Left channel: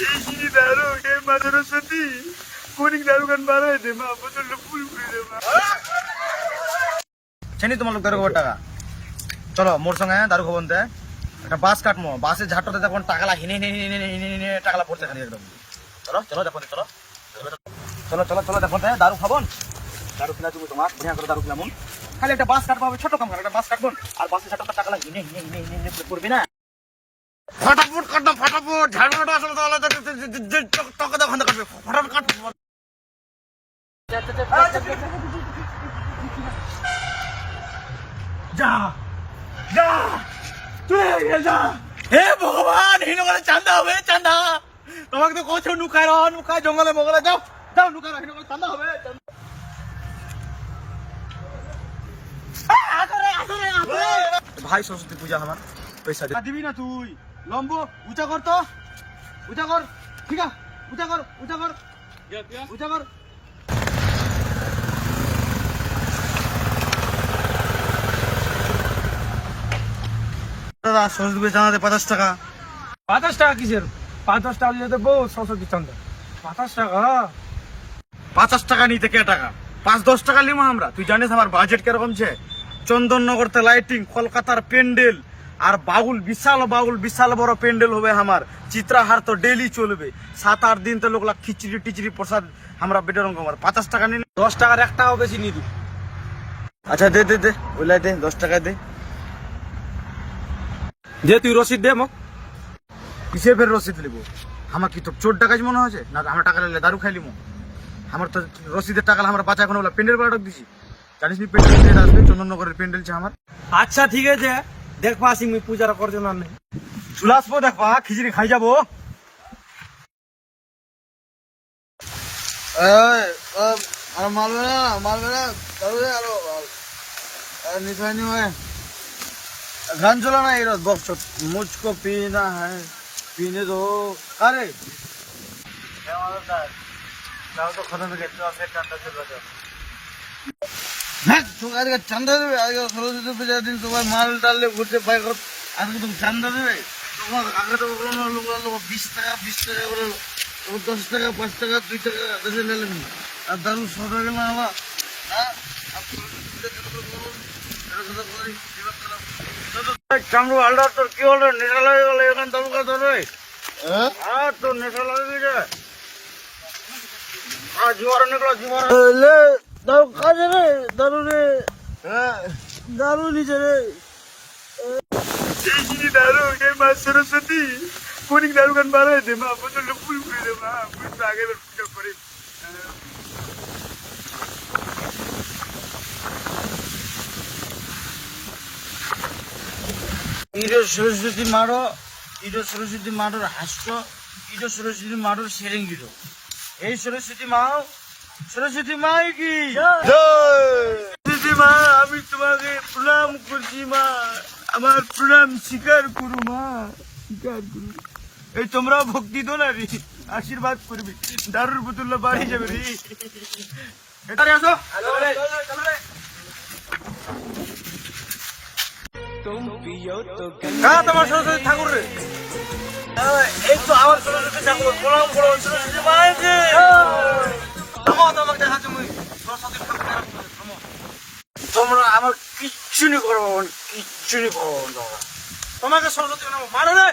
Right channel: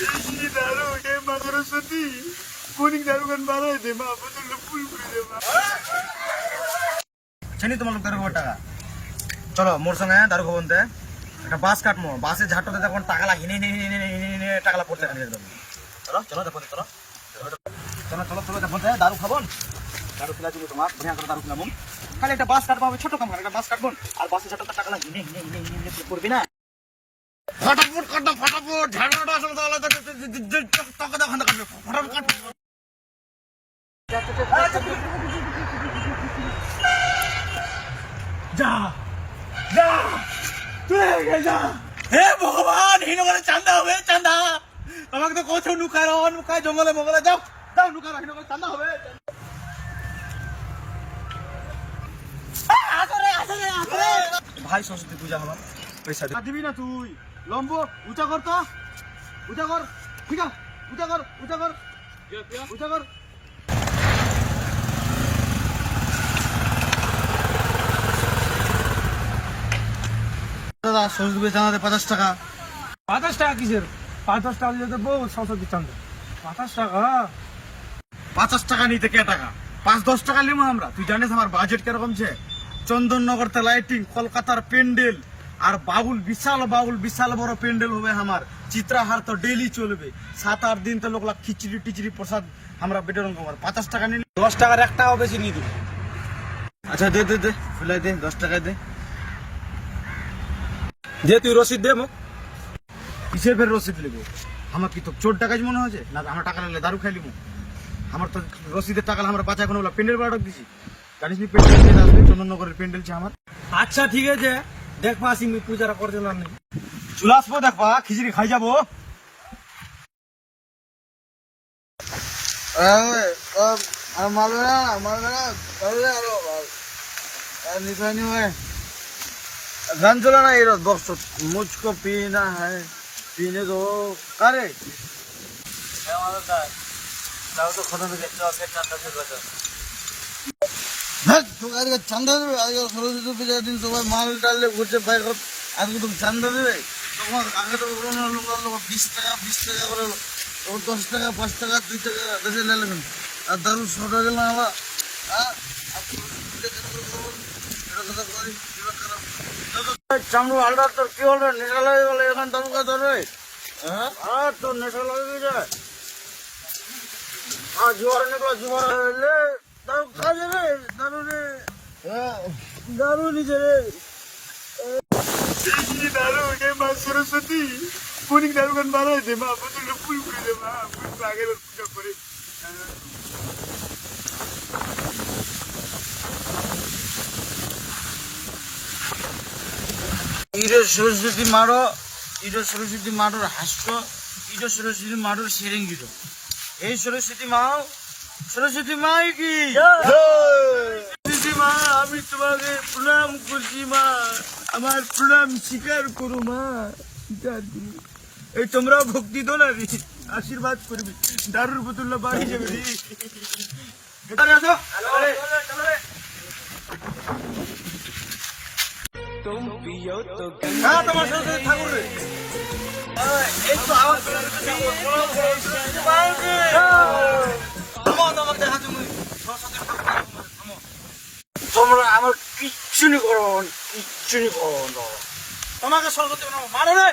এই দারু হে মা সরস্বতী কোনিক দারু গান বাড়াই দে মা বোতলটা ফুল করে দে মা চেনি তোমার লোক দারু খাবার টাকা চলো মোর সঙ্গে দারু খাবন দে একটা বাস কাটমো বাসে ঝাঁটোতে দেখুন টাকালা হিনে হিনে টাকালা পড়ছে এখানে একদম চলো চলো দেখো চলো চলো চলো চলো দেখো দারু খাবন দারু খেলা তুমি তোমার বড়িয়া করে দারু খেলাম খালি একটা বাস কাটবো ছোট কাম একটা বাস কাটবো আর বাসে ঝাঁটোতে টাকালা হিনে হিনে পড়বি না ফটাফট কাটো ফটাফট ঝাড়ুটা আসলে তাহলে টকে দোকান কাটবে ফটাফট কাট যা যা তুই যা হে ভগবান হিনো করে চান্দা হবে চান্দা তোমাকে তো কোথাও নুকায় জঙ্গলে মঙ্গলে যাও যাও নুকায় হিনো করে চান্দা হবে ভাই সরস্বতী পূজা আমার পয়সা দিবি না তুই লম্বু উঁচা কর তো উঁচা কর ঠিক আছে উঁচা কর উঁচা কর দাদা সরস্বতী পূজা চাঁদা 50 টাকা 50 টাকা কিসের 50 টাকা দিয়ে দেবো সরস্বতী চন্দ্র 50 টাকা 50 টাকা নিতে কে টাকা 5-10 টাকা নিবো আমরা তুই জানিস আমার বাজেট কিরকম ছে চন্দননগরতে লাইটিং কলকাতার প্যান্ডেল আর বিশাল বড় প্যান্ডেল হবে আমার চিত্রাহার তো ডেলি চলবে 7-8 দিন তো লোক খিচড়ি টিচড়ি প্রসাদ আমরা বেটার আমার 50 টাকা নিন 10 টাকার এক টাকাও বেশি নিয়ে দিবি আচ্ছা দে দে দে ওলাই দে 10 টাকা দে তুই রসিদ দে মোক কিসের ফের রসিদ লিব আমার কি তো চোর টাকা মনে হয়েছে না আমার টাকা লাগলে দারু খাই লিব আমার তো রসিদের টাকা আমার বাঁচা এখন প্যান্ডেল বাড়াক দিছি জানিস নি প্যান্ডেল আসবে চন্দননগরের প্যান্ডেল ছে আমার আচ্ছা ঠিক আছে দেখবা আসি আমি পূজাটা করতে না চলে আসবো দেখবা খিচড়ি খাই যাবো আর মারবে না আরো নিশাই নি হয় গান চলা না এর বক্স মুঝকো पीना है पीने दो আরে তাও তো খতম হয়ে গেছে আছে চাঁদা দেবে হ্যাঁ তোমার আজকে চাঁদা দেবে আজকে সরস্বতী পূজার দিন তোমার মাল ডাললে ঘুরছে পাই কর আজকে তুমি চাঁদা দেবে তোমার আগে তো লোক 20 টাকা করে 10 টাকা 5 টাকা 2 টাকা দেশে লে লাগেন আর দারু 100 টাকা গেল আবার হ্যাঁ চামড়ু হালদার তোর কি হলো নেশা লাগে গেল এখন দমকা ধরে হ্যাঁ তোর নেশা লাগে যায় জোয়ার নিকলো জোয়ার দাও কাজে রে দারু রে দারু নিচে রে দারু হে মা সরস্বতী কোনিক দারু গান বাড়াই দে মা বোতলটা ফুল করে দে মা ফুল আগে পূজা করে সরস্বতী মারোর হাস্য সরস্বতী মারোর সেরেং দিত এই সরস্বতী মা কি সরস্বতী মা আমি তোমাকে প্রণাম করছি মা আমার প্রণাম স্বীকার করো মা এই তোমরা ভক্তি দো না রে আশীর্বাদ করবে দারুর বোতল বাড়ি যাবে রে এখানে আসো হ্যাঁ তোমার সরস্বতী ঠাকুর রে তোমাকে দেখা তুমি সরস্বতী তোমরা আমার কিচ্ছু করবো তোমাকে সরস্বতী মারো রে